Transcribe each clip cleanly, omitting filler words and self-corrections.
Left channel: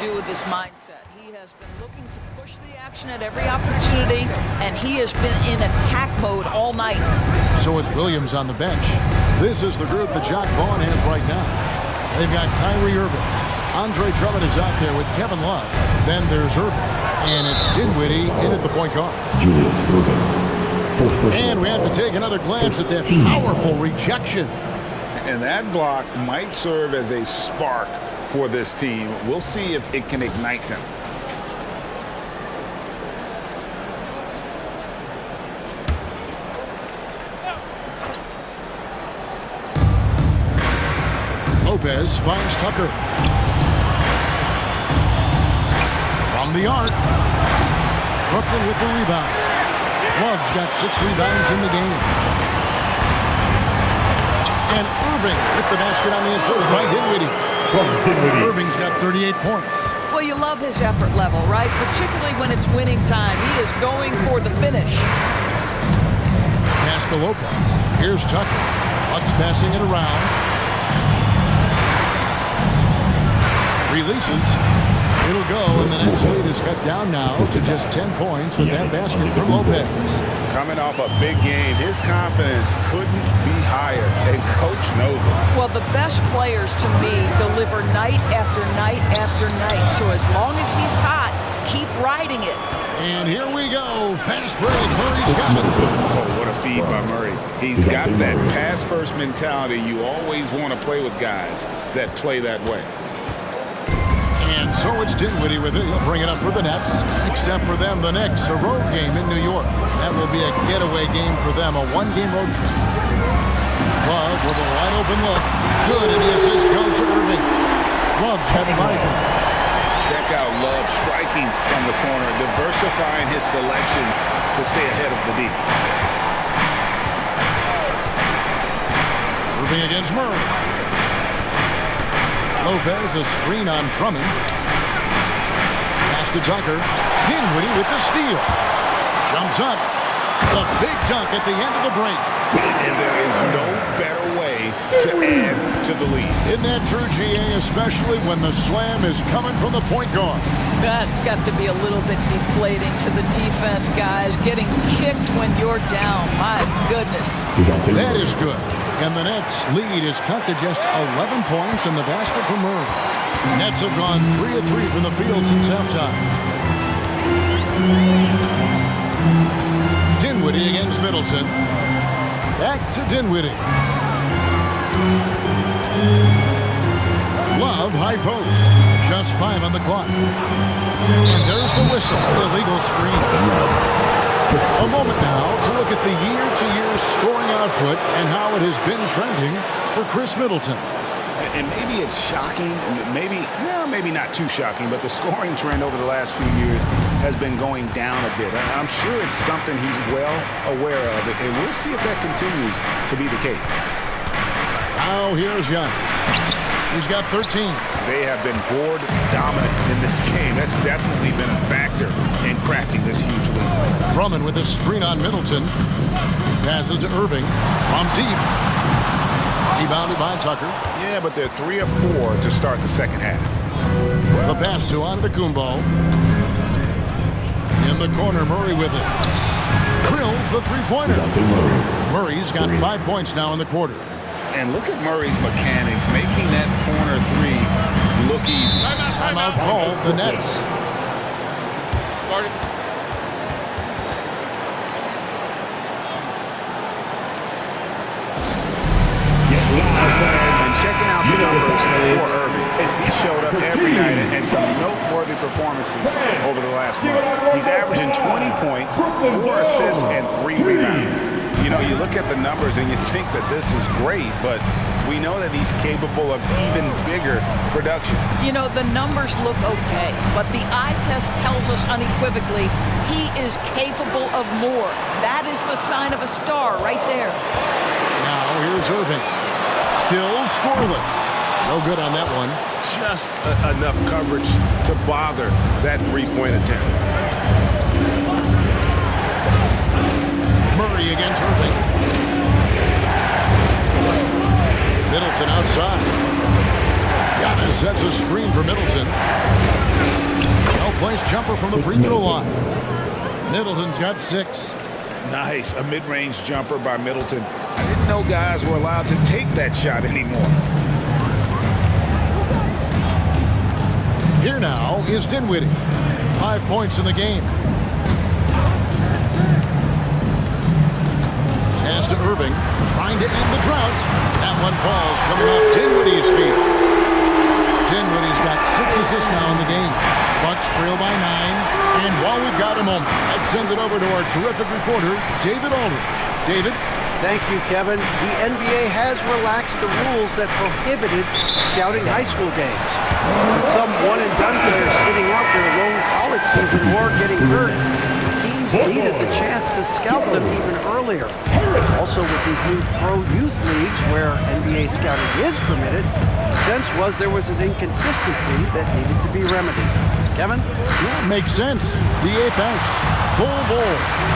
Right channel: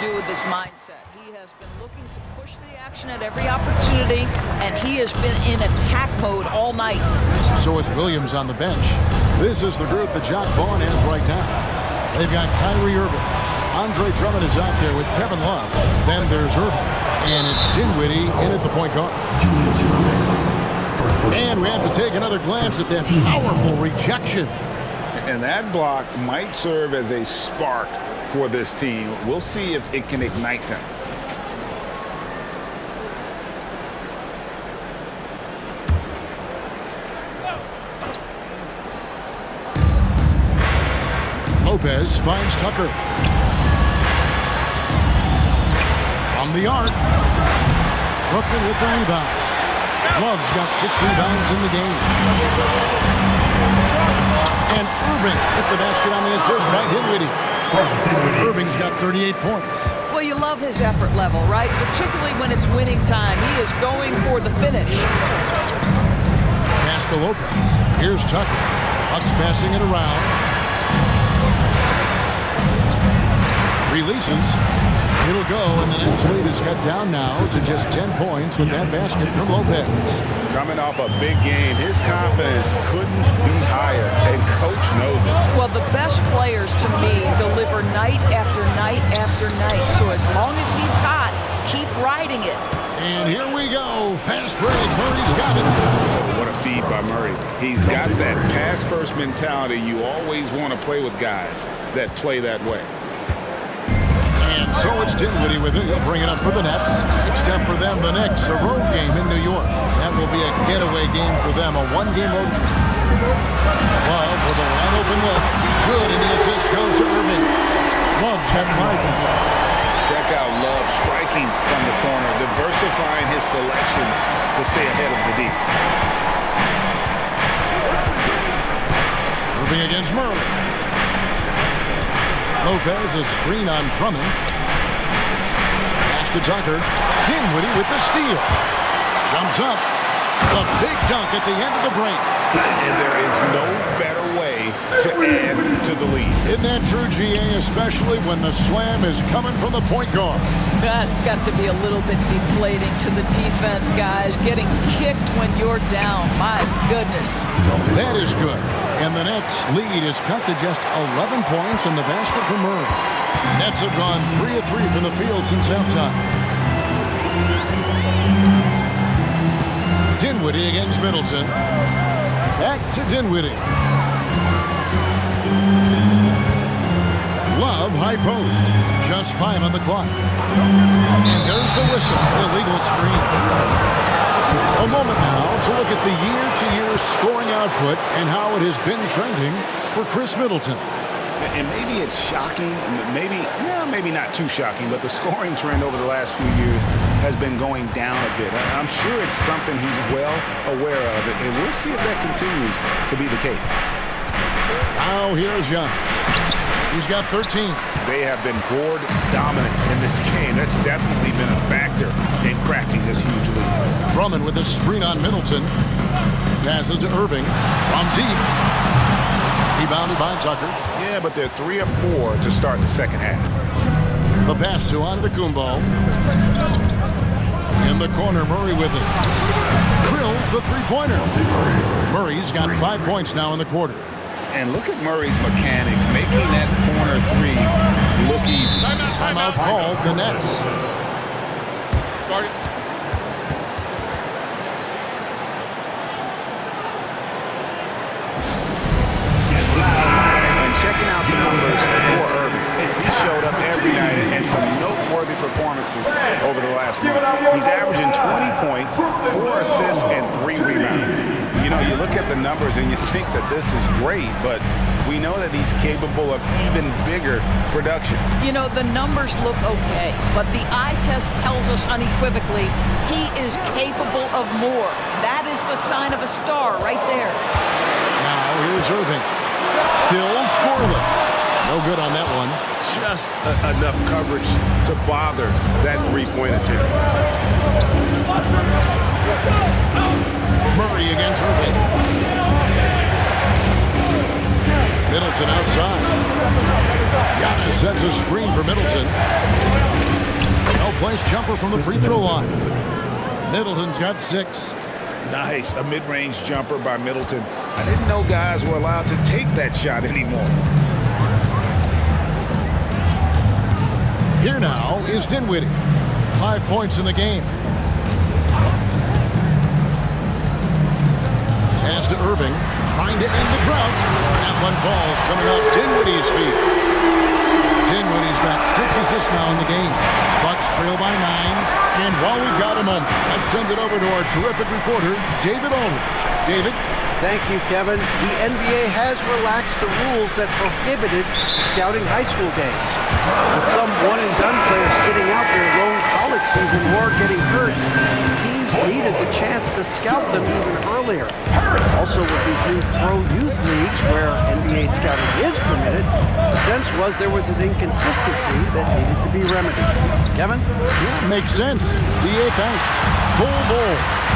Do with his mindset. He has been looking to push the action at every opportunity, and he has been in attack mode all night. So with Williams on the bench, this is the group that Jacque Vaughn has right now. They've got Kyrie Irving. Andre Drummond is out there with Kevin Love. Then there's Irving. And it's Dinwiddie in at the point guard. Julius Irving. And we have to take another glance at that powerful rejection. And that block might serve as a spark for this team. We'll see if it can ignite them. Lopez finds Tucker. From the arc. Brooklyn with the rebound. Love's got 6 rebounds in the game. And Irving with the basket on the assist by Dinwiddie. Irving's got 38 points. Well, you love his effort level, right? Particularly when it's winning time. He is going for the finish. Pass to Lopez. Here's Tucker. Bucks passing it around. Releases. It'll go, and the Nets lead is cut down now to just 10 points with that basket from Lopez. Coming off a big game, his confidence couldn't be higher, and coach knows it. Well, the best players, to me, deliver night after night after night. So as long as he's hot, keep riding it. And here we go. Fast break. Murray's got it. Oh, what a feed by Murray. He's got that pass-first mentality. You always want to play with guys that play that way. And so it's Dinwiddie with it. He'll bring it up for the Nets. Next up for them, the Knicks, a road game in New York. That will be a getaway game for them, a one-game road trip. Love with a wide-open look. Good, and the assist goes to Irving. Love's had 5 now. Check out Love striking from the corner, diversifying his selections to stay ahead of the D. Irving against Murray. Lopez, a screen on Drummond. Pass to Tucker. Dinwiddie with the steal. Jumps up. The big dunk at the end of the break. And there is no better way to add to the lead. Isn't that true, GA, especially when the slam is coming from the point guard? That's got to be a little bit deflating to the defense, guys. Getting kicked when you're down. My goodness. That is good. And the Nets' lead is cut to just 11 points in the basket for Murray. Nets have gone 3 of 3 from the field since halftime. Dinwiddie against Middleton. Back to Dinwiddie. Love, high post. Just 5 on the clock. And there's the whistle. Illegal screen. A moment now to look at the year-to-year scoring output and how it has been trending for Chris Middleton. And maybe it's shocking, maybe not too shocking, but the scoring trend over the last few years has been going down a bit. I'm sure it's something he's well aware of, and we'll see if that continues to be the case. Now here's Giannis. He's got 13. They have been board dominant in this game. That's definitely been a factor in crafting this huge lead. Drummond with a screen on Middleton. Passes to Irving from deep. Rebounded by Tucker. Yeah, but they're 3 of 4 to start the second half. The pass to Antetokounmpo. In the corner, Murray with it. Drills the three-pointer. Murray's got 5 points now in the quarter. And look at Murray's mechanics, making that corner 3 look easy. Timeout called, the Nets. Started. And checking out the numbers for Irving. He showed up every night and some noteworthy performances over the last month. He's averaging 20 points, 4 assists, and 3 rebounds. You know, you look at the numbers and you think that this is great, but we know that he's capable of even bigger production. You know, the numbers look okay, but the eye test tells us unequivocally he is capable of more. That is the sign of a star right there. Now here's Irving. Still scoreless. No good on that one. Just enough coverage to bother that 3-point attempt. Murray against Irving. Middleton outside. Giannis sets a screen for Middleton. Three-point jumper from the free throw line. Middleton's got 6. Nice, a mid-range jumper by Middleton. I didn't know guys were allowed to take that shot anymore. Here now is Dinwiddie. 5 points in the game. Pass to Irving, trying to end the drought. That one falls, coming off Dinwiddie's feet. Dinwiddie's got 6 assists now in the game. Bucks trail by 9. And while we've got a moment, let's send it over to our terrific reporter, David Aldridge. David? Thank you, Kevin. The NBA has relaxed the rules that prohibited scouting high school games. With some one-and-done players sitting out their lone college season or getting hurt, teams needed the chance to scout them even earlier. Also, with these new pro youth leagues where NBA scouting is permitted, the sense was there was an inconsistency that needed to be remedied. Kevin? Yeah, makes sense. DA, thanks. Bull.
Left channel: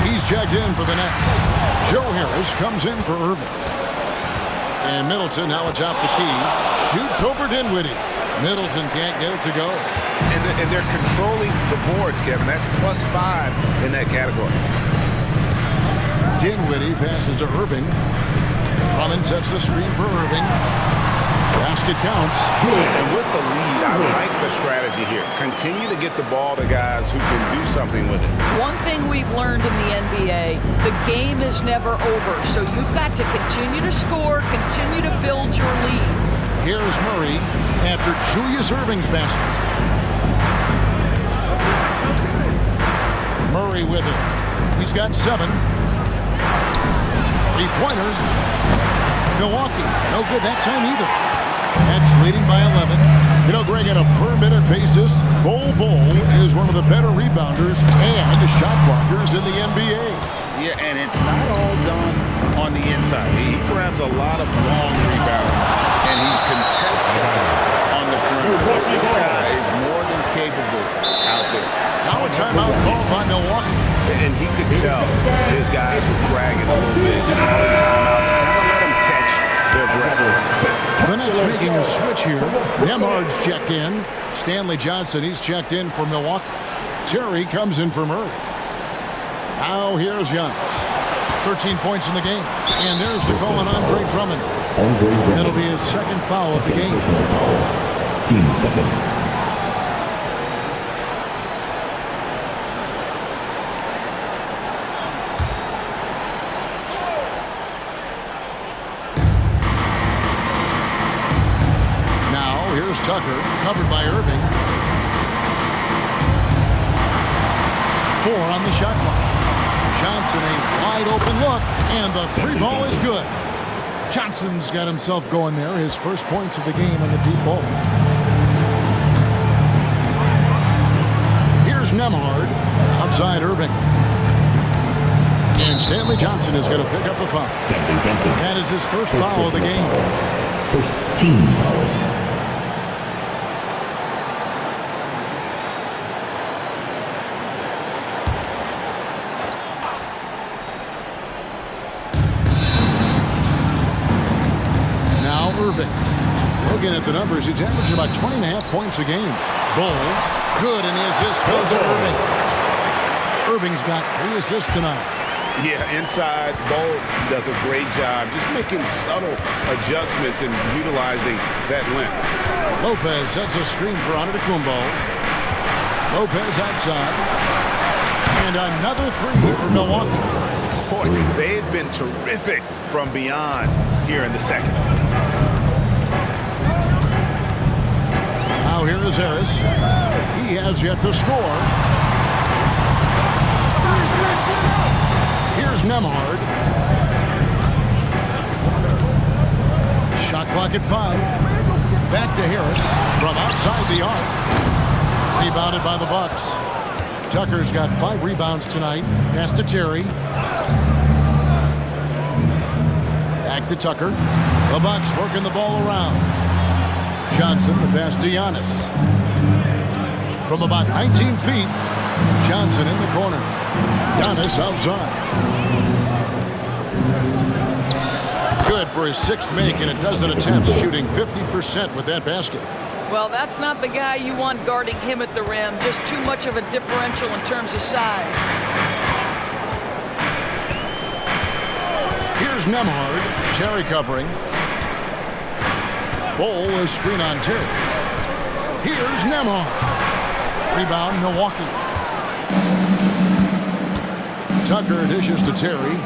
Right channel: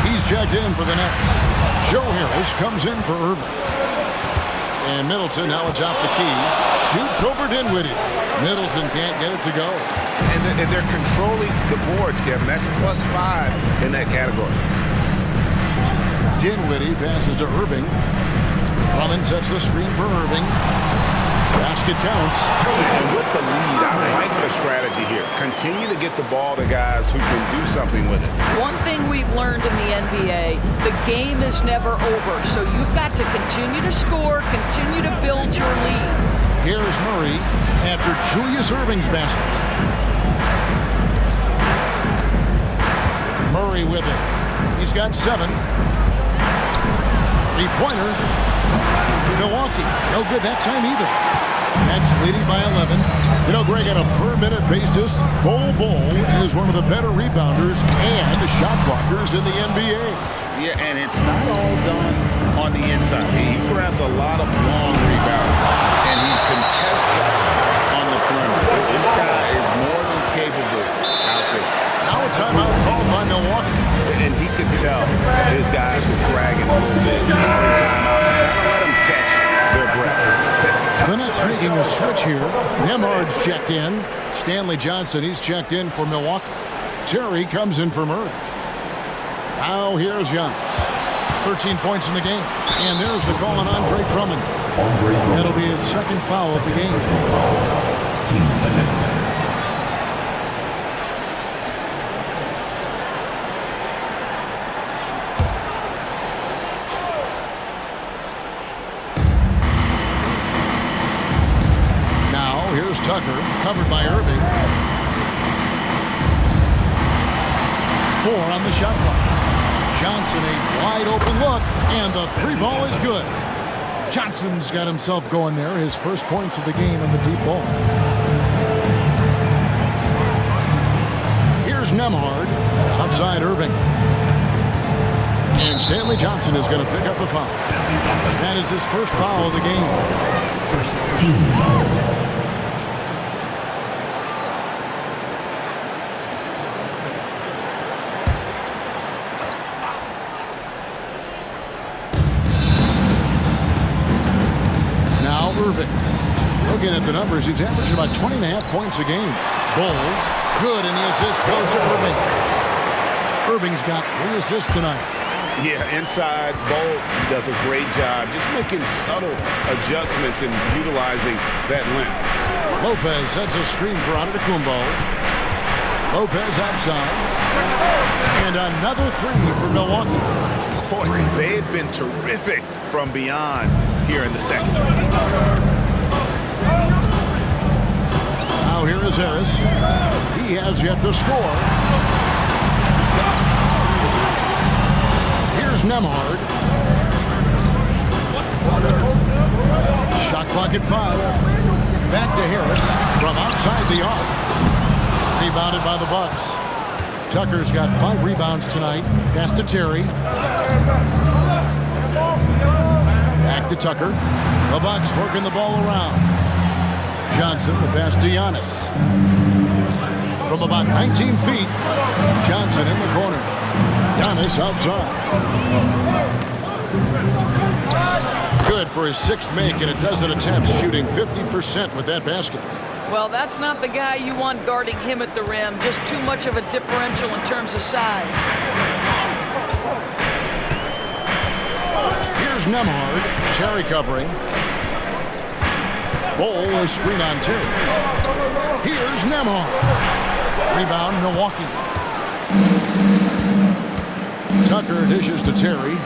He's checked in for the Nets. Joe Harris comes in for Irving. And Middleton now atop the key. Shoots over Dinwiddie. Middleton can't get it to go. And they're controlling the boards, Kevin. That's +5 in that category. Dinwiddie passes to Irving. Drummond sets the screen for Irving. Basket counts. And with the lead, I like the strategy here. Continue to get the ball to guys who can do something with it. One thing we've learned in the NBA, the game is never over. So you've got to continue to score, continue to build your lead. Here's Murray after Julius Irving's basket. Murray with it. He's got 7. Three-pointer. Milwaukee, no good that time either. Nets leading by 11. You know, Greg, on a per-minute basis, Bol is one of the better rebounders and shot blockers in the NBA. Yeah, and it's not all done on the inside. He grabs a lot of long rebounds, and he contests shots on the perimeter. This guy is more than capable out there. Now a timeout called by Milwaukee. And he could tell his guys were dragging a little bit, calling timeout to kind of let them catch their breath. The Nets making a switch here. Nembhard's checked in. Stanley Johnson, he's checked in for Milwaukee. Terry comes in for Murray. Now here's Giannis. 13 points in the game. And there's the call on Andre Drummond. That'll be his second foul of the game. Team second. Now here's Tucker, covered by Irving. 4 on the shot clock. Johnson, a wide open look, and the 3 ball is good. Johnson's got himself going there, his first points of the game on the deep ball. Here's Nembhard, outside Irving. And Stanley Johnson is going to pick up the foul. That is his first foul of the game. First team foul. Now Irving. Looking at the numbers, he's averaging about 20.5 points a game. Bol, good, and the assist goes to Irving. Irving's got 3 assists tonight. Yeah, inside, Bol does a great job just making subtle adjustments and utilizing that length. Lopez sets a screen for Antetokounmpo. Lopez outside. And another 3 for Milwaukee. Boy, they've been terrific from beyond here in the second. Now here is Harris. He has yet to score. Here's Nembhard. Shot clock at 5. Back to Harris from outside the arc. Rebounded by the Bucks. Tucker's got 5 rebounds tonight. Pass to Terry. Back to Tucker. The Bucks working the ball around. Johnson, the pass to Giannis. From about 19 feet, Johnson in the corner. Giannis outside. Good for his 6th make and a dozen attempts, shooting 50% with that basket. Well, that's not the guy you want guarding him at the rim. Just too much of a differential in terms of size. Here's Nemhard. Terry covering. Bol a screen on Terry. Here's Nemhard. Rebound, Milwaukee. Tucker dishes to Terry.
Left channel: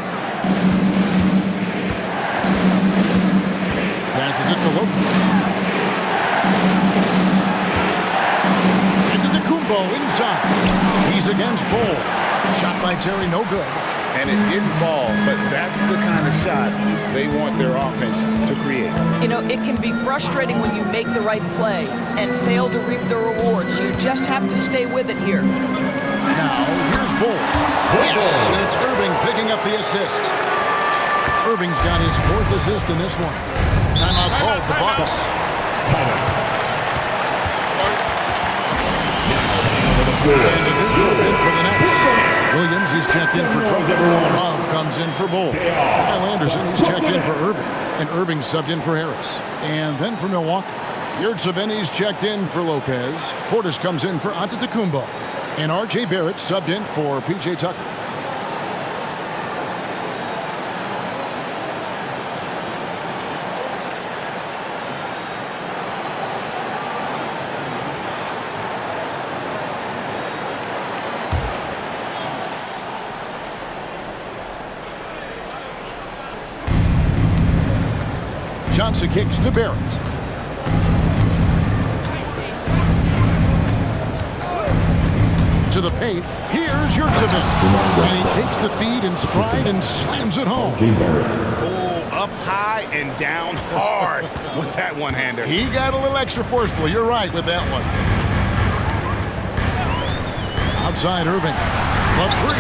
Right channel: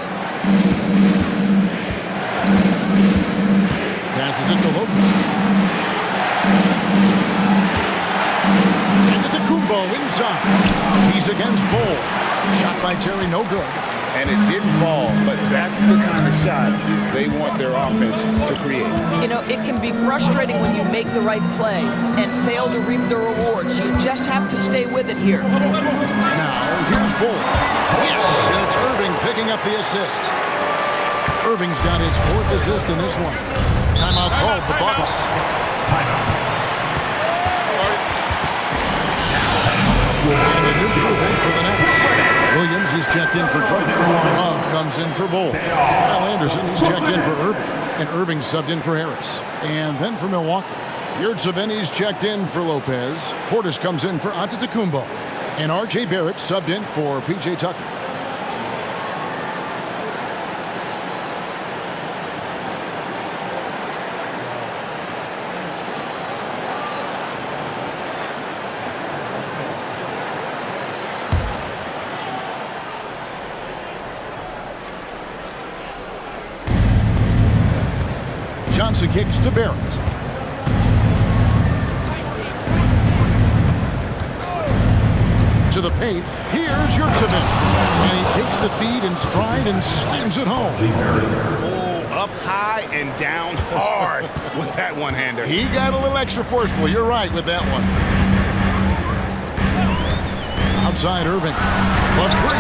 Passes it to Lopez. Antetokounmpo inside. He's against Bol. Shot by Terry, no good. And it didn't fall, but that's the kind of shot they want their offense to create. You know, it can be frustrating when you make the right play and fail to reap the rewards. You just have to stay with it here. Now, here's Bol. Yes, and it's Irving picking up the assist. Irving's got his 4th assist in this one. Timeout called the Bucks. And a new group in for the Nets. Williams, he's checked in for Drummond. Love comes in for Bol. Now Anderson, he's checked in for Irving. And Irving subbed in for Harris. And then for Milwaukee, Yurtseven's checked in for Lopez. Portis comes in for Antetokounmpo. And R.J. Barrett subbed in for P.J. Tucker. Johnson kicks to Barrett. To the paint. Here's Yurtseven. And he takes the feed in stride and slams it home. Oh, up high and down hard with that one-hander. He got a little extra forceful. You're right with that one. Outside Irving. But 3.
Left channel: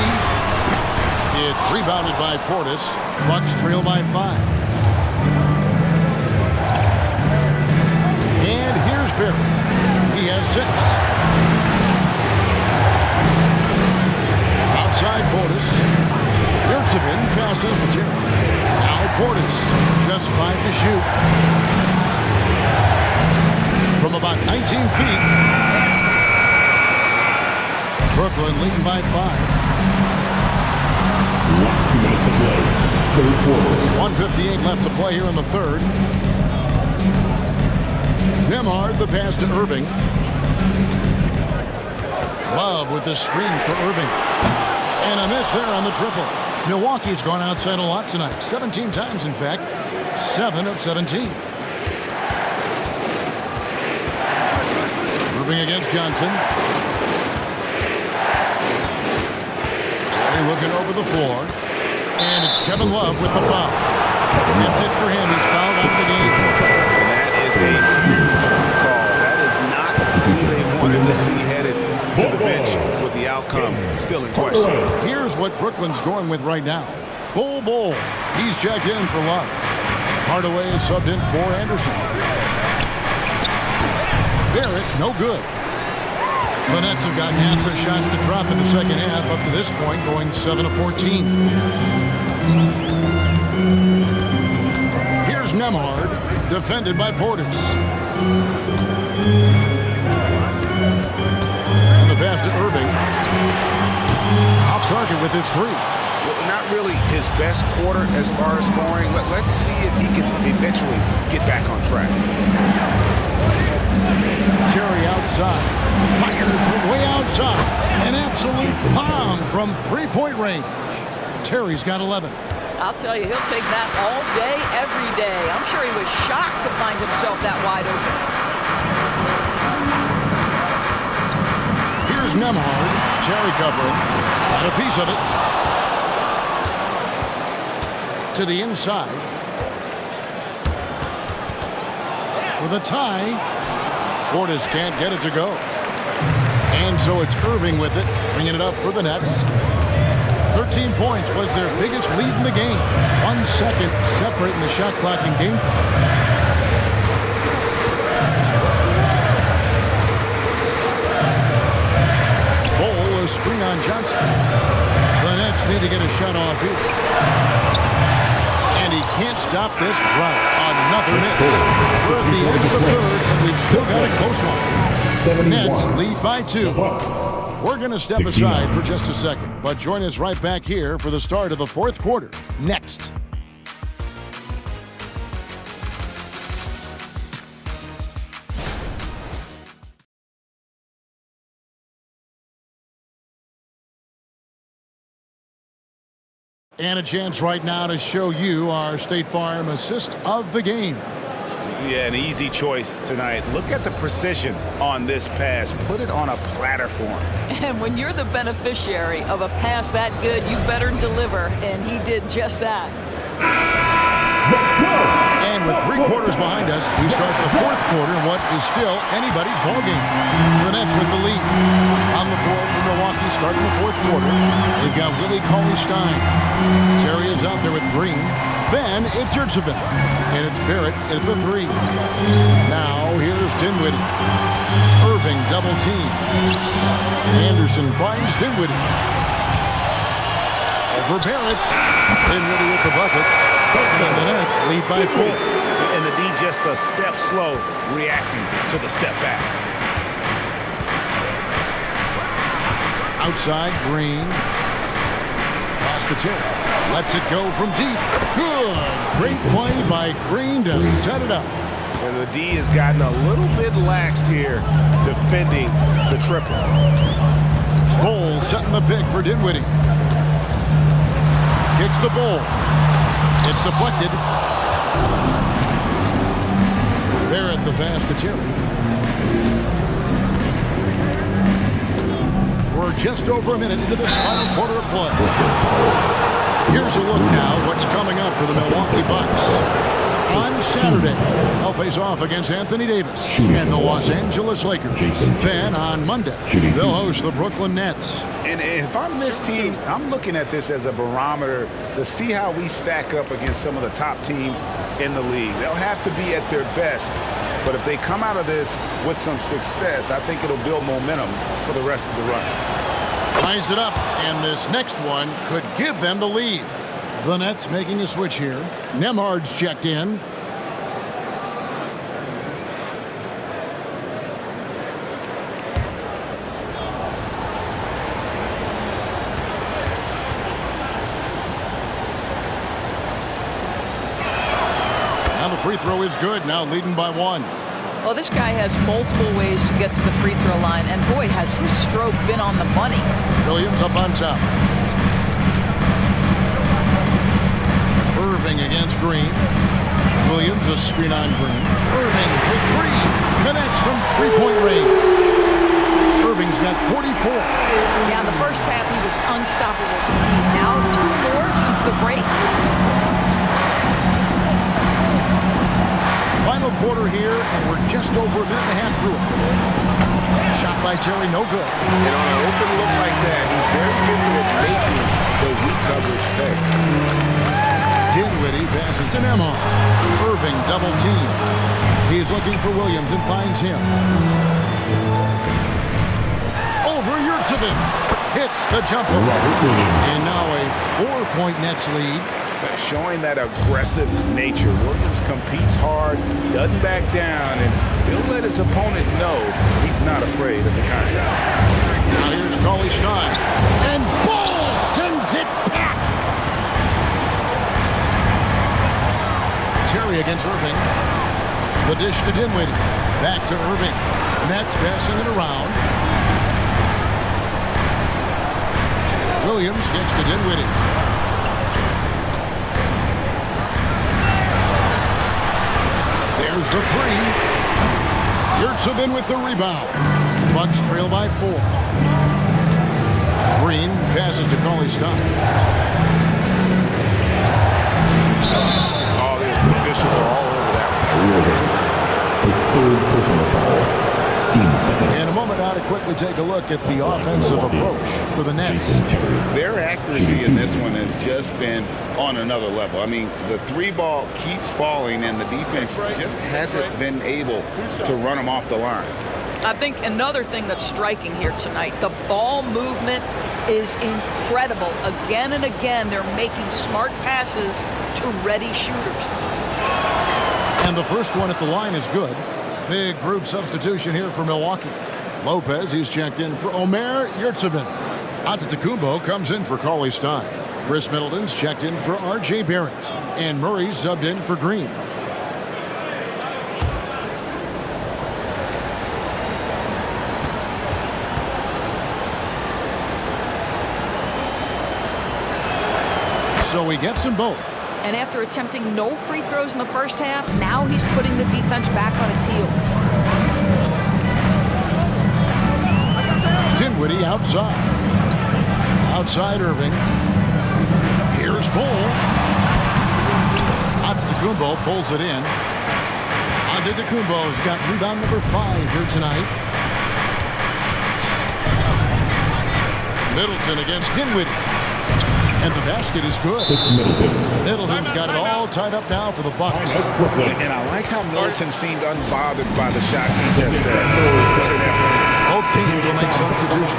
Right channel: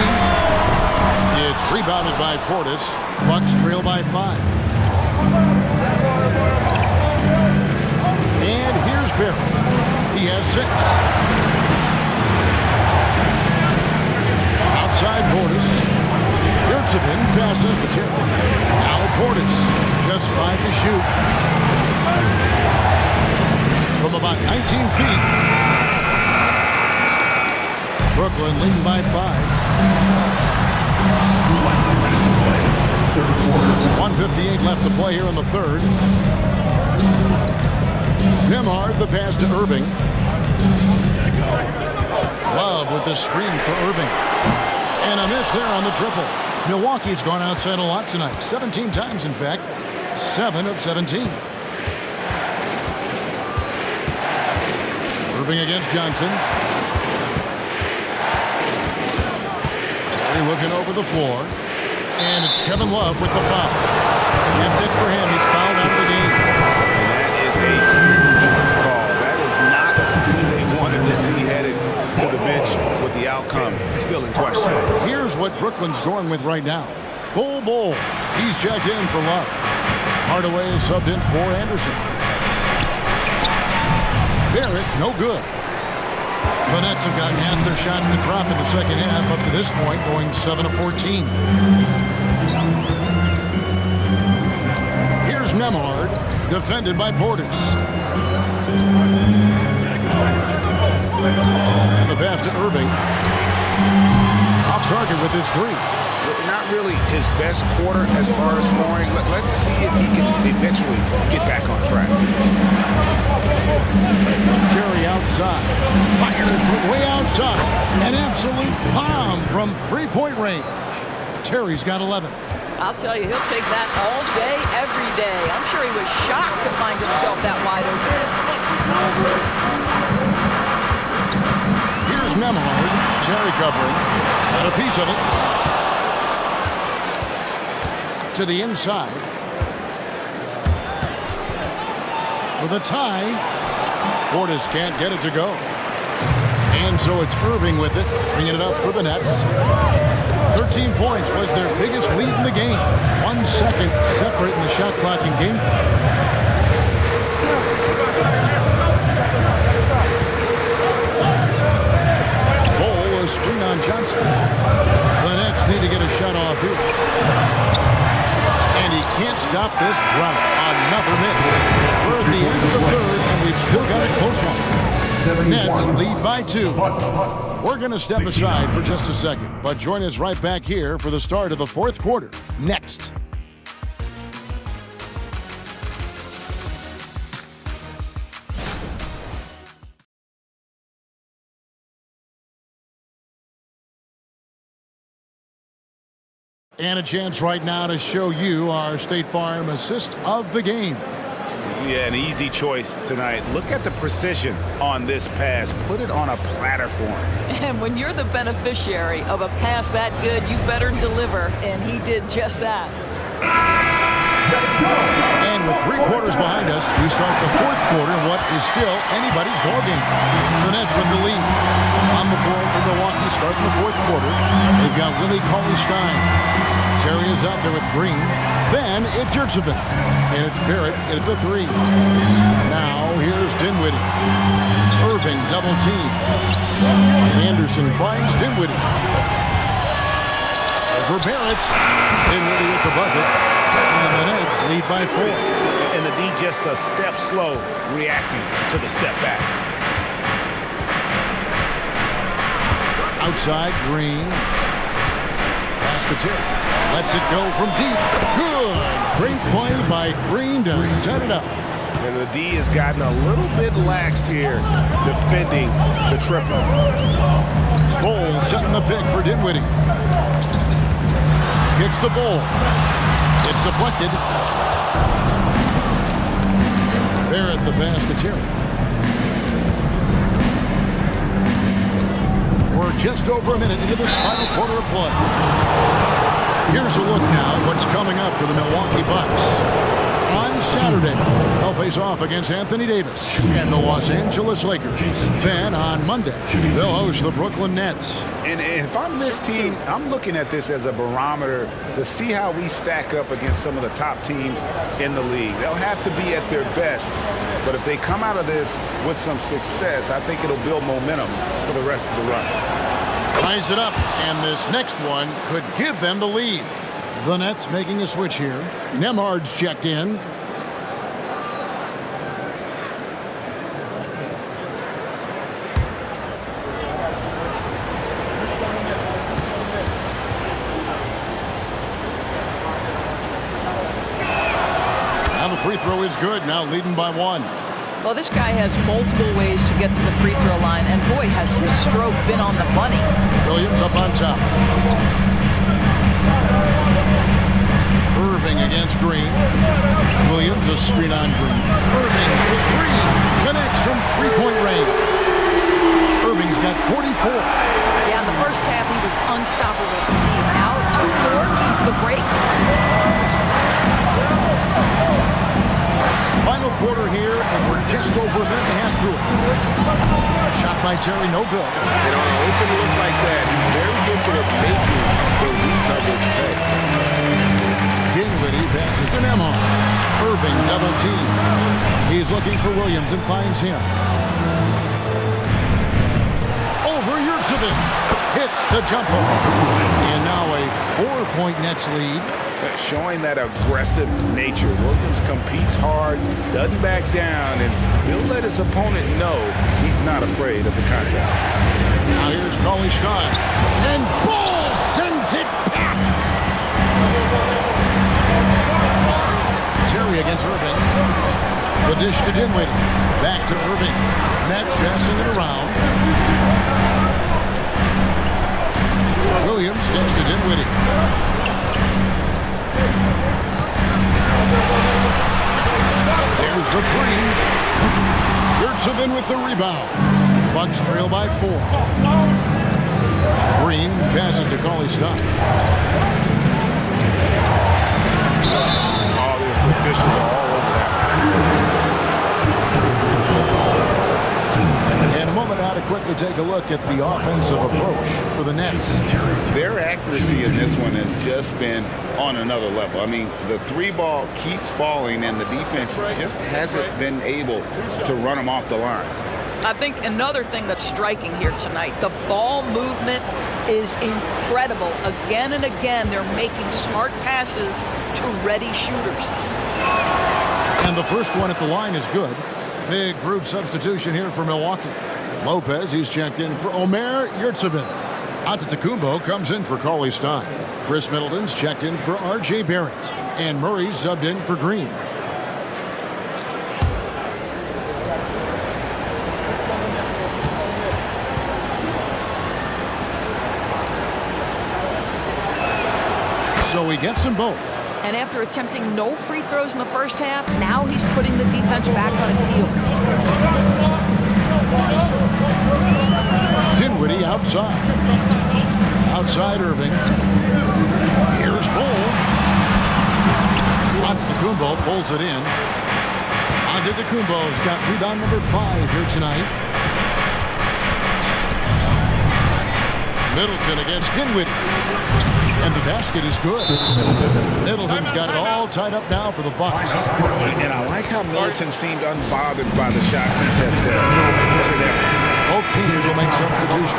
It's rebounded by Portis. Bucks trail by 5. And here's Barrett. He has 6. Outside Portis. Yurtseven passes to Terry. Now Portis. Just 5 to shoot. From about 19 feet. Brooklyn leading by 5. Last 2 minutes to play. Third quarter. 1:58 left to play here in the third. Nemhard, the pass to Irving. Love with the screen for Irving. And a miss there on the triple. Milwaukee's gone outside a lot tonight. 17 times, in fact. 7 of 17. Irving against Johnson. Terry looking over the floor. And it's Kevin Love with the foul. That's it for him. He's fouled out of the game. And that is a huge call. That is not who they wanted to see headed to the bench with the outcome still in question. Here's what Brooklyn's going with right now. Bol. He's checked in for Love. Hardaway is subbed in for Anderson. Barrett, no good. The Nets have gotten half their shots to drop in the second half up to this point, going 7 of 14. Here's Nemhard, defended by Portis. And the pass to Irving. Off target with his 3. Not really his best quarter as far as scoring. Let's see if he can eventually get back on track. Terry outside. Fires from way outside. An absolute bomb from 3-point range. Terry's got 11. I'll tell you, he'll take that all day, every day. I'm sure he was shocked to find himself that wide open. Here's Nemhard. Terry covering. Got a piece of it. To the inside. For the tie. Portis can't get it to go. And so it's Irving with it, bringing it up for the Nets. 13 points was their biggest lead in the game. 1 second separating the shot clock and game clock. Bol, a screen on Johnson. The Nets need to get a shot off here. And he can't stop this drought. Another miss. We're at the end of the third, and we've still got a close one. Nets lead by 2. We're going to step aside for just a second, but join us right back here for the start of the fourth quarter. Next. And a chance right now to show you our State Farm assist of the game. Yeah, an easy choice tonight. Look at the precision on this pass. Put it on a platter for him. And when you're the beneficiary of a pass that good, you better deliver, and he did just that. And with 3 quarters behind us, we start the fourth quarter in what is still anybody's ballgame. The Nets with the lead. On the floor for Milwaukee starting the fourth quarter. They've got Willie Cauley-Stein. Terry is out there with Green. Then it's Yurtsevin. And it's Barrett at the 3. Now here's Dinwiddie. Irving double team. Anderson finds Dinwiddie. Over Barrett. Dinwiddie with the bucket. And the Nets lead by 4. And the D just a step slow reacting to the step back. Outside, Green. Pass to Terry. Lets it go from deep. Good. Great play by Green to set it up. And the D has gotten a little bit laxed here defending the triple. Bol setting the pick for Dinwiddie. Kicks to Bol. It's deflected. Barrett the pass to Terry. We're just over a minute into this final quarter of play. Here's a look now what's coming up for the Milwaukee Bucks. On Saturday, they'll face off against Anthony Davis and the Los Angeles Lakers. Then on Monday, they'll host the Brooklyn Nets. And if I'm this team, I'm looking at this as a barometer to see how we stack up against some of the top teams in the league. They'll have to be at their best. But if they come out of this with some success, I think it'll build momentum for the rest of the run. Ties it up, and this next one could give them the lead. The Nets making a switch here. Nembhard's checked in. Now the free throw is good, now leading by 1. Well, this guy has multiple ways to get to the free throw line, and boy, has his stroke been on the money. Williams up on top. Irving against Green. Williams a screen on Green. Irving for 3. Connects from three-point range. Irving's got 44. Yeah, in the first half, he was unstoppable from deep. Now, 2 more since the break. Final quarter here, and we're just over a minute and a half through it. Shot by Terry, no good. And on an open look like that, he's very gifted at making the weak coverage pay. Dinwiddie passes to Nembhard. Irving double team. He's looking for Williams and finds him. Over Yurtsevin. Hits the jumper. And now a 4-point Nets lead. Showing that aggressive nature. Williams competes hard, doesn't back down, and he'll let his opponent know he's not afraid of the contact. Now here's Cauley-Stein. And Bol sends it back. Terry against Irving. The dish to Dinwiddie. Back to Irving. Nets passing it around. Williams gets to Dinwiddie. There's the 3. Yurtsevin with the rebound. Bucks trail by 4. Green passes to Cauley-Stein. Oh, the officials are all over that one. His 3rd personal foul. In a moment now to quickly take a look at the offensive approach for the Nets. Their accuracy in this one has just been on another level. I mean, the 3 ball keeps falling, and the defense just hasn't been able to run them off the line. I think another thing that's striking here tonight, the ball movement is incredible. Again and again, they're making smart passes to ready shooters. And the first one at the line is good. Big group substitution here for Milwaukee. Lopez, he's checked in for Omer Yurtseven. Antetokounmpo comes in for Cauley Stein. Chris Middleton's checked in for R.J. Barrett. And Murray's subbed in for Green. So he gets them both. And after attempting no free throws in the first half, now he's putting the defense back on its heels. Dinwiddie outside. Outside Irving. Here's Bull. Antetokounmpo pulls it in. Antetokounmpo's got rebound number 5 here tonight. Middleton against Dinwiddie. And the basket is good. Middleton's got it all tied up now for the Bucks. And I like how Middleton seemed unbothered by the shot contest there. What an effort. Both teams will make substitutions.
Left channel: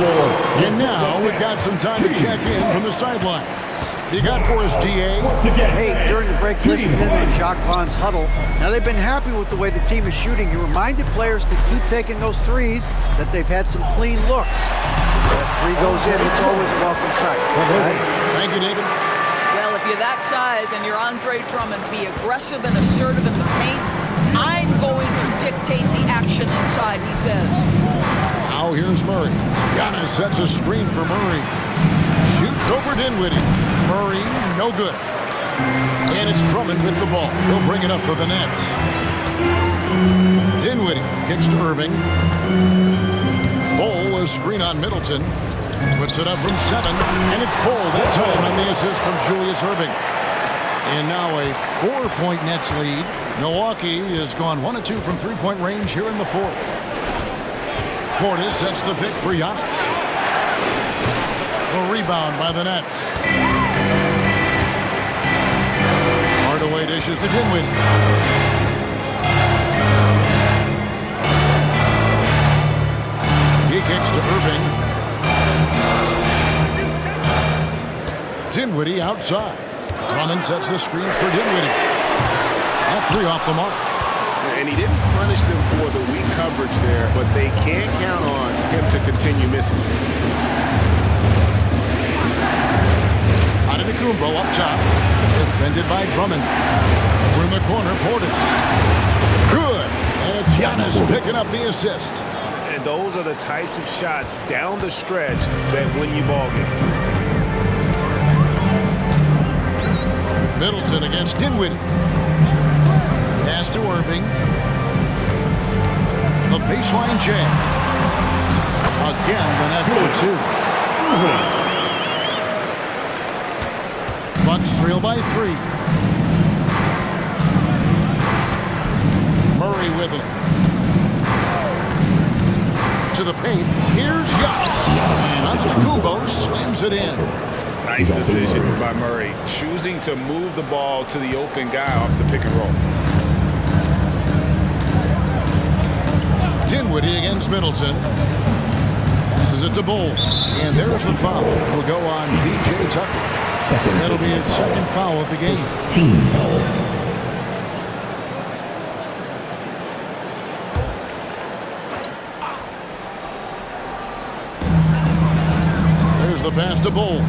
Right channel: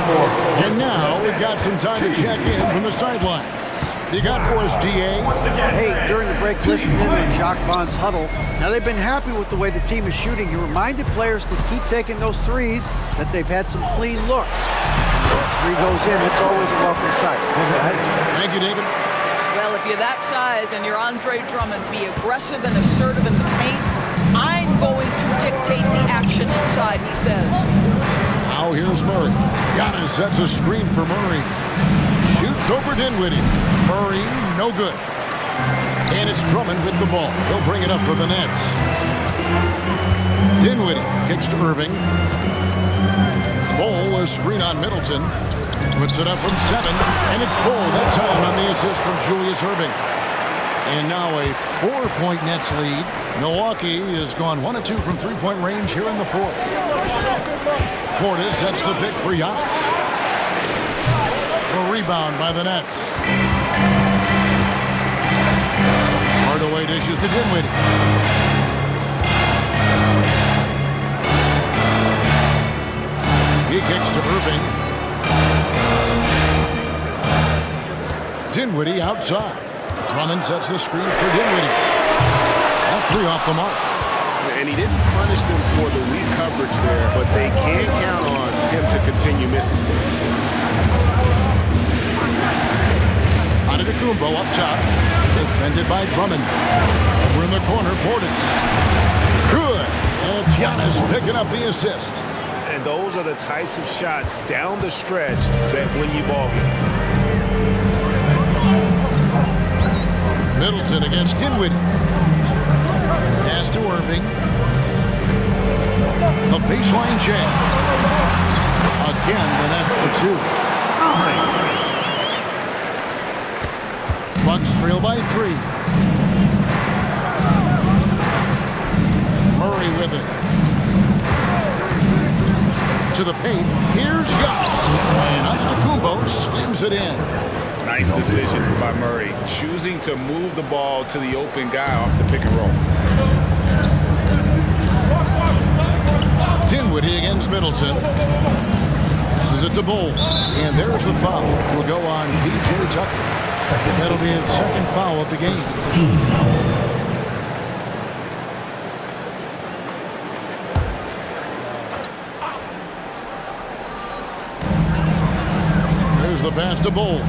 And now we've got some time to check in from the sideline. You got for us, DA? Hey, during the break, listened in on Jacques Vaughn's huddle. Now, they've been happy with the way the team is shooting. He reminded players to keep taking those threes, that they've had some clean looks. When that three goes in, it's always a welcome sight. Guys? Thank you, David. Well, if you're that size and you're Andre Drummond, be aggressive and assertive in the paint. I'm going to dictate the action inside, he says. Now here's Murray. Giannis sets a screen for Murray. Shoots over Dinwiddie. Murray, no good. And it's Drummond with the ball. He'll bring it up for the Nets. Dinwiddie kicks to Irving. Bull, a screen on Middleton. Puts it up from 7. And it's Bull that time on the assist from Julius Irving. And now a 4-point Nets lead. Milwaukee has gone 1 of 2 from three-point range here in the 4th. Portis sets the pick for Giannis. The rebound by the Nets. Hardaway dishes to Dinwiddie. He kicks to Irving. Dinwiddie outside. Drummond sets the screen for Dinwiddie. That 3 off the mark. And he didn't punish them for the weak coverage there, but they can't count on him to continue missing. Antetokounmpo up top. Defended by Drummond. Over in the corner, Portis. Good. And it's Giannis picking up the assist. And those are the types of shots down the stretch that win you ball games. Middleton against Dinwiddie. Pass to Irving. The baseline jam. Again, the Nets for 2. Bucks trail by 3. Murray with it. To the paint. Here's Giannis. And Antetokounmpo slams it in. Nice decision by Murray, choosing to move the ball to the open guy off the pick and roll. Dinwiddie against Middleton. Passes it to Bull. And there's the foul. Will go on P.J. Tucker. That'll be his second foul of the game. Team foul. There's the pass to Bull.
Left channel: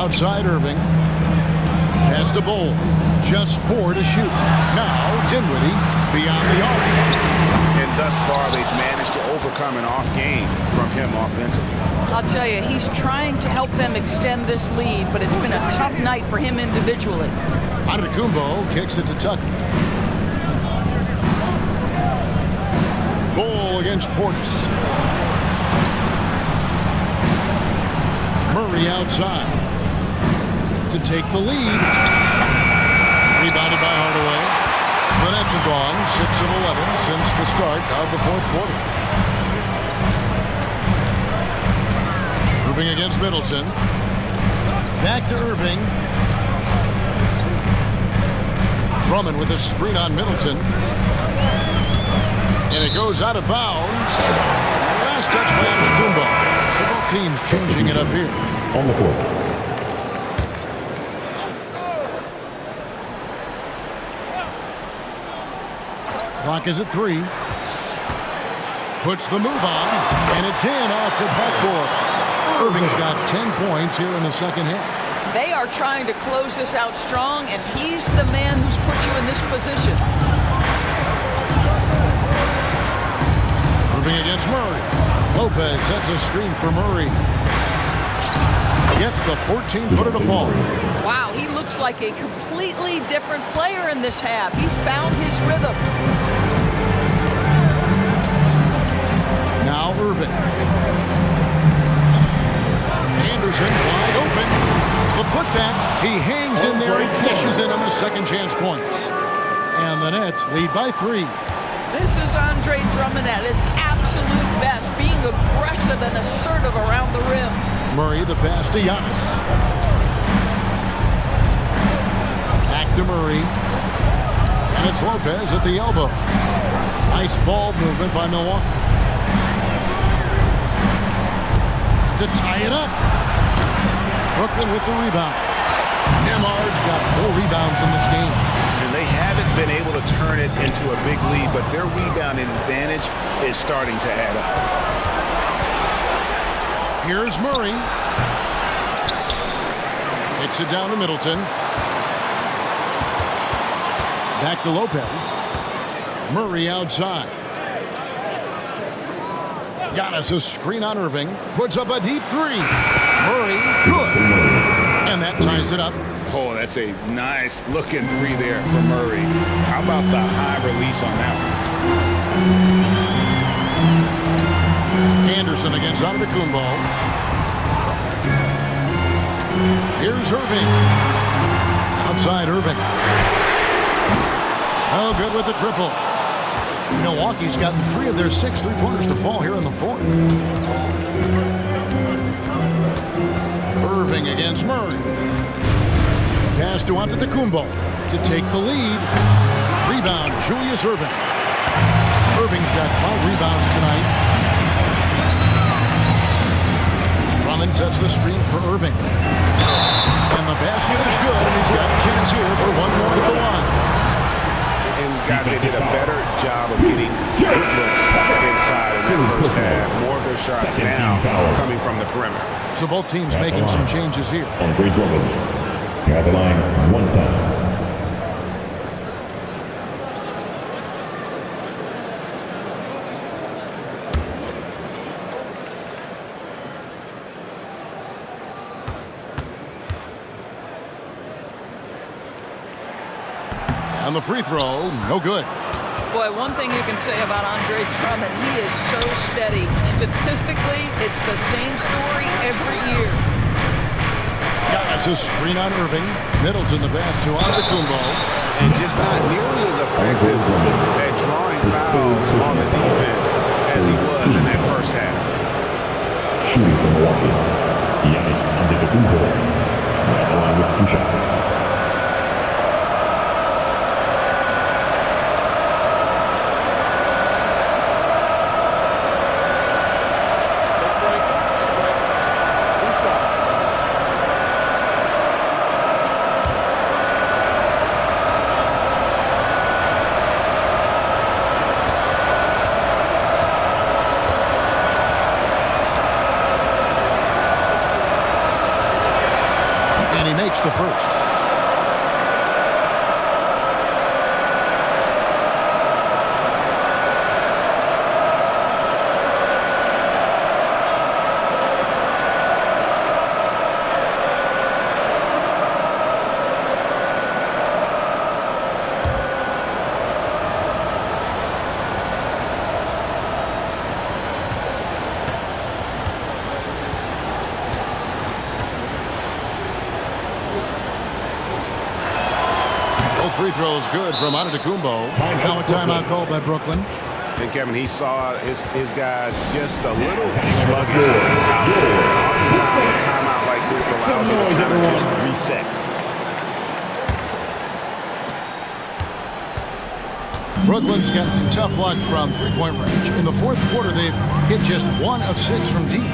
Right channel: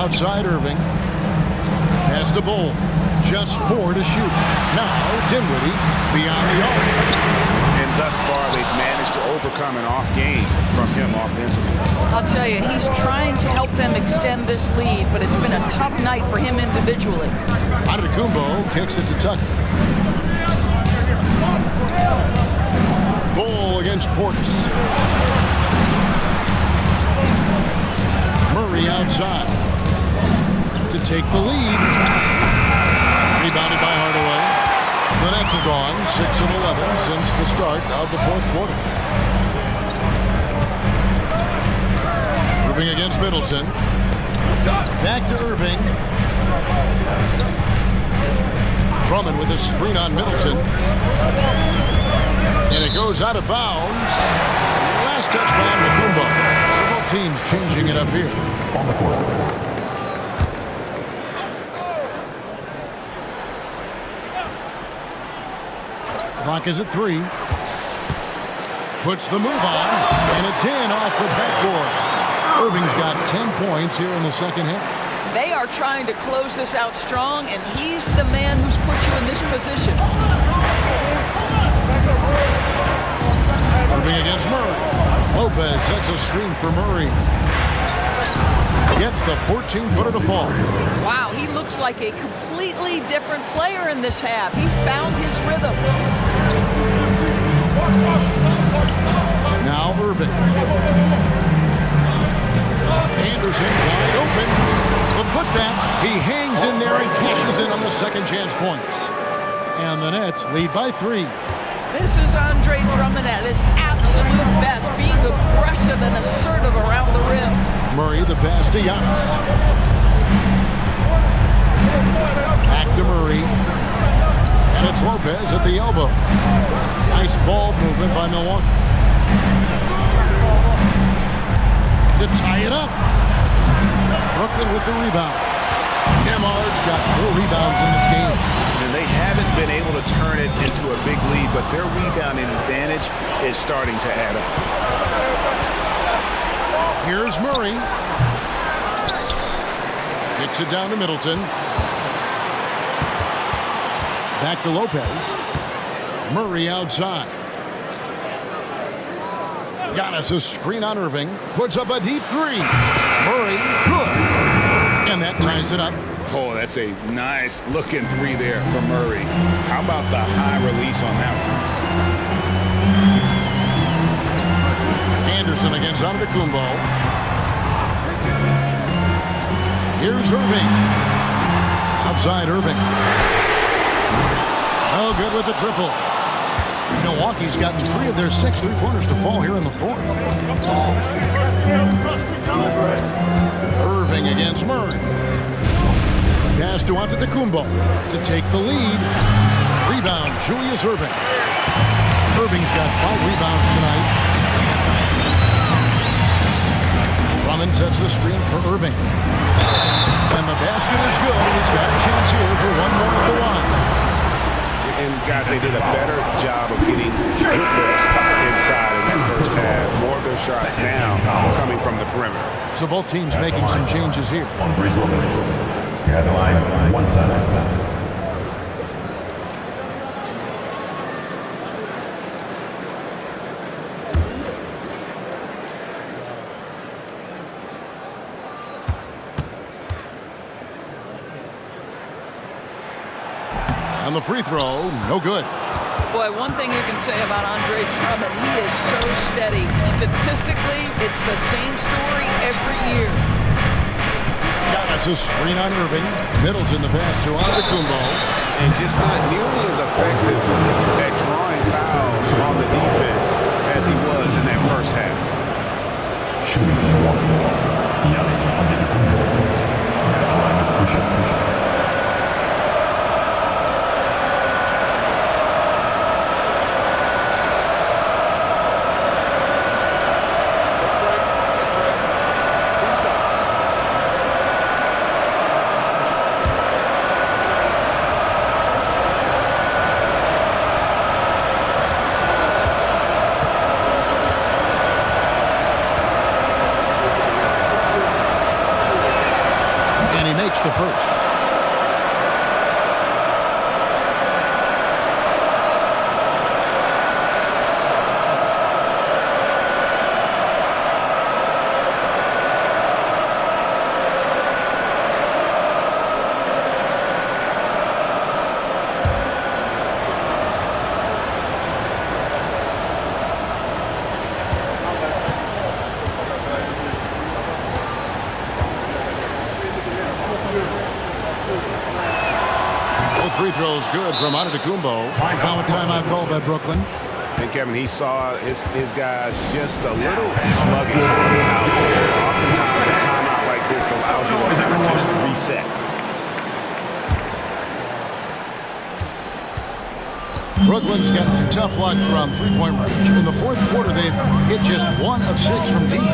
Outside Irving. Pass to Bull. Just 4 to shoot. Now Dinwiddie beyond the arc. And thus far, they've managed to overcome an off game from him offensively. I'll tell you, he's trying to help them extend this lead, but it's been a tough night for him individually. Antetokounmpo kicks it to Tucker. Bull against Portis. Murray outside to take the lead. Rebounded by Hardaway. The Nets have gone 6 of 11 since the start of the 4th quarter. Irving against Middleton. Back to Irving. Drummond with a screen on Middleton. And it goes out of bounds. Last touch by Antetokounmpo. So both teams changing it up here. On the court. Clock is at 3. Puts the move on, and it's in off the backboard. Irving's got 10 points here in the second half. They are trying to close this out strong, and he's the man who's put you in this position. Irving against Murray. Lopez sets a screen for Murray. Gets the 14-footer to fall. Wow, he looks like a completely different player in this half. He's found his rhythm. Now Irving. Anderson wide open. The putback. He hangs in there and cashes in on the second chance points. And the Nets lead by 3. This is Andre Drummond at his absolute best, being aggressive and assertive around the rim. Murray the pass to Giannis. Back to Murray. And it's Lopez at the elbow. Nice ball movement by Milwaukee. To tie it up. Brooklyn with the rebound. Nemard's got 4 rebounds in this game. And they haven't been able to turn it into a big lead, but their rebounding advantage is starting to add up. Here's Murray. Kicks it down to Middleton. Back to Lopez. Murray outside. Giannis a screen on Irving. Puts up a deep 3. Murray, good. And that ties it up. Oh, that's a nice looking 3 there for Murray. How about the high release on that one? Anderson against Antetokounmpo. Here's Irving. Outside Irving. Oh, good with the triple. Milwaukee's gotten 3 of their 6 3-pointers to fall here in the 4th. Irving against Murray. Pass to Antetokounmpo to take the lead. Rebound, Julius Irving. Irving's got 5 rebounds tonight. Drummond sets the screen for Irving. And the basket is good, and he's got a chance here for one more at the line. And guys, they did a better job of getting good looks inside in that first half. More of their shots now coming from the perimeter. So both teams making some changes here. Andre Drummond. You're at the line 1 time. And the free throw, no good. Boy, one thing you can say about Andre Drummond, he is so steady. Statistically, it's the same story every year. Giannis a screen on Irving. Middleton the pass to Antetokounmpo. And just not nearly as effective at drawing fouls on the defense as he was in that first half. Shooting from Milwaukee. Giannis Antetokounmpo. Right line with 2 shots. And he makes the first. Both free throws good from Antetokounmpo. Now a timeout called by Brooklyn. And Kevin, he saw his guys just a little sluggish out there. Oftentimes a timeout like this allows you to kind of just reset. Brooklyn's got some tough luck from three-point range. In the fourth quarter, they've hit just 1 of 6 from deep.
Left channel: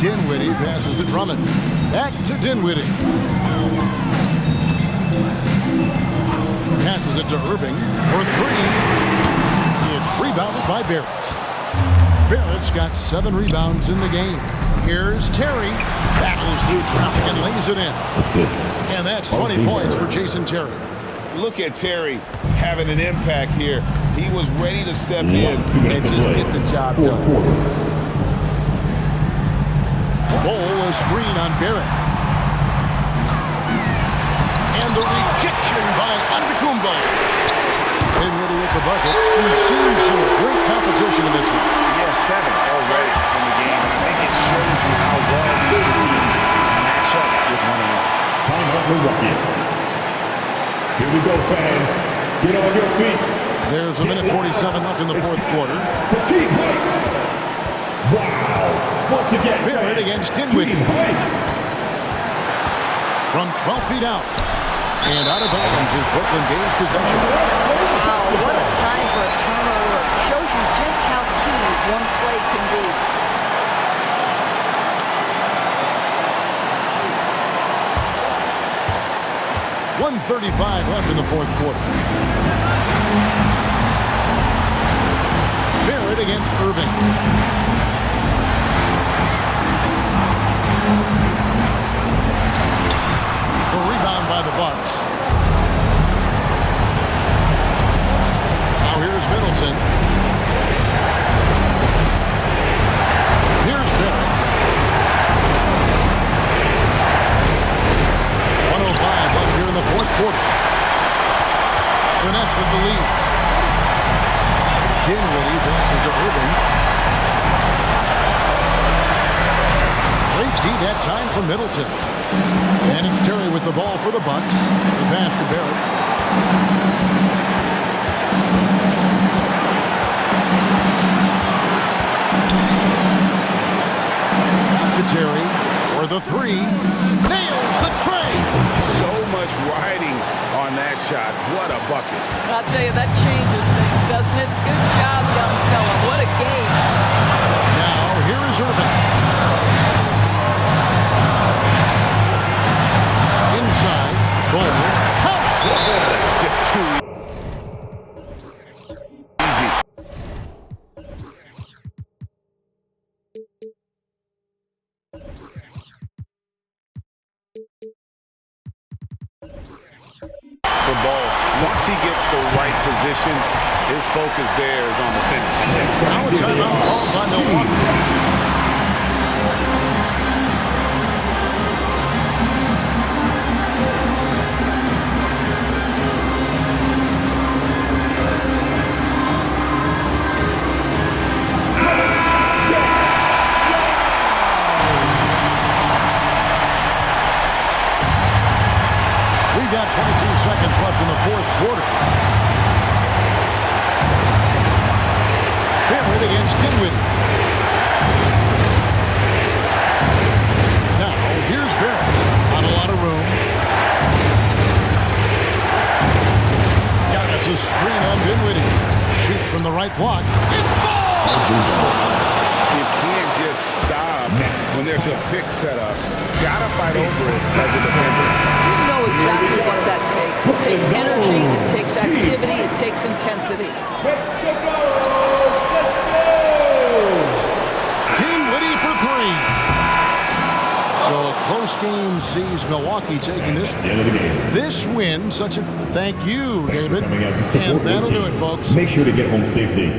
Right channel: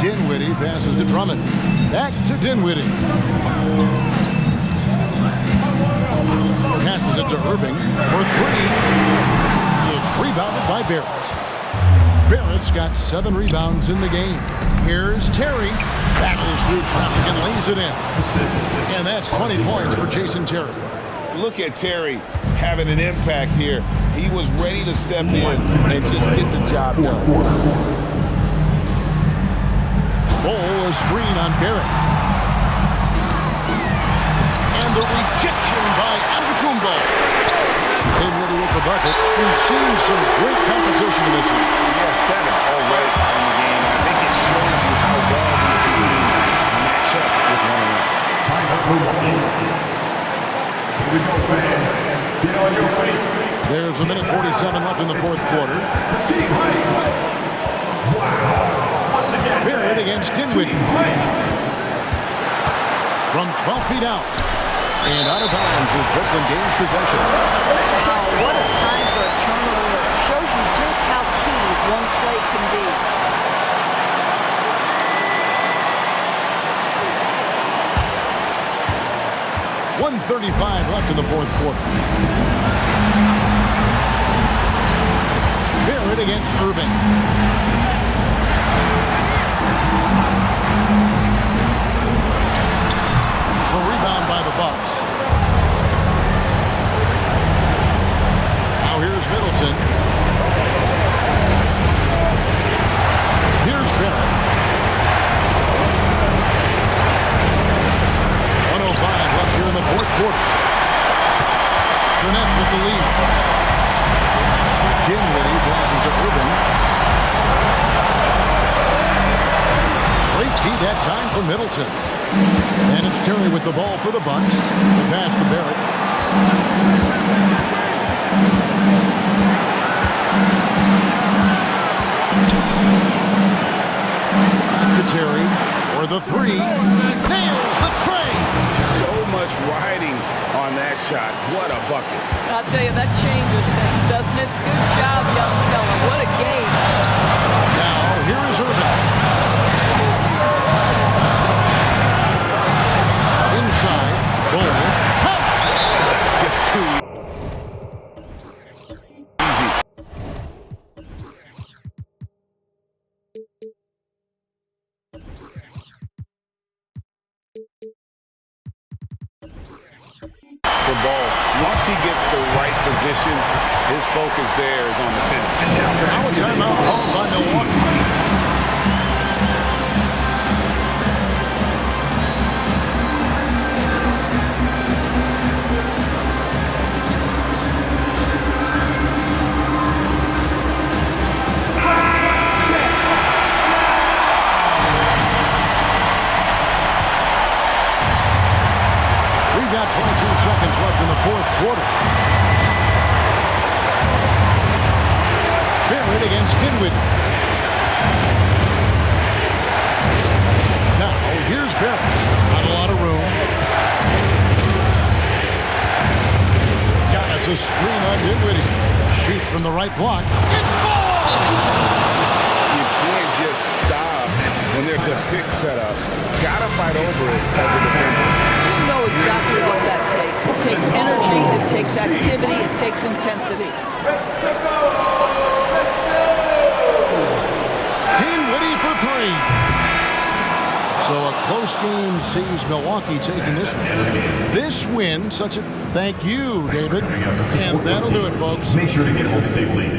Dinwiddie passes to Drummond. Back to Dinwiddie. Passes it to Irving for 3. It's rebounded by Barrett. Barrett's got 7 rebounds in the game. Here's Terry. Battles through traffic and lays it in. And that's 20 points for Jason Terry. Look at Terry having an impact here. He was ready to step in and just get the job done. Bol, a screen on Barrett. And the rejection by Antetokounmpo. Dinwiddie with the bucket. We've seen some great competition in this one. Yeah, 7 already in the game, and I think it shows you how well these two teams match up with one another. Timeout Milwaukee. Here we go, fans. Get on your feet. There's a minute 47 left in the fourth quarter. Wow. Once again, Barrett against Dinwiddie. From 12 feet out. And out of bounds is Brooklyn gains possession. Wow, what a time for a turnover. Shows you just how key one play can be. .135 left in the fourth quarter. Barrett against Irving. The rebound by the Bucks. Now here's Middleton. Here's Barrett. 1:05 left here in the fourth quarter. The Nets with the lead. Dinwiddie passes to Irving. Great D that time for Middleton. And it's Terry with the ball for the Bucks. The pass to Barrett. Back to Terry for the 3. Nails the tray. So much riding on that shot. What a bucket. I'll tell you, that changes things, doesn't it? Good job, young fella. What a game. Now, here is Irving. Inside, Bol. That's just too easy. For Bol, once he gets the right position, his focus there is on the finish. Now a timeout called by Milwaukee. We've got 22 seconds left in the fourth quarter. Barrett against Dinwiddie. Now, here's Barrett. Not a lot of room. Giannis a screen on Dinwiddie. Shoots from the right block. It falls! You can't just stop when there's a pick set up. Gotta fight over it as a defender. You know exactly what that takes. It takes energy, it takes activity, it takes intensity. Dinwiddie for 3. So a close game sees Milwaukee taking this one. This win, such a thank you, David. And that'll do it, folks. Make sure to get home safely.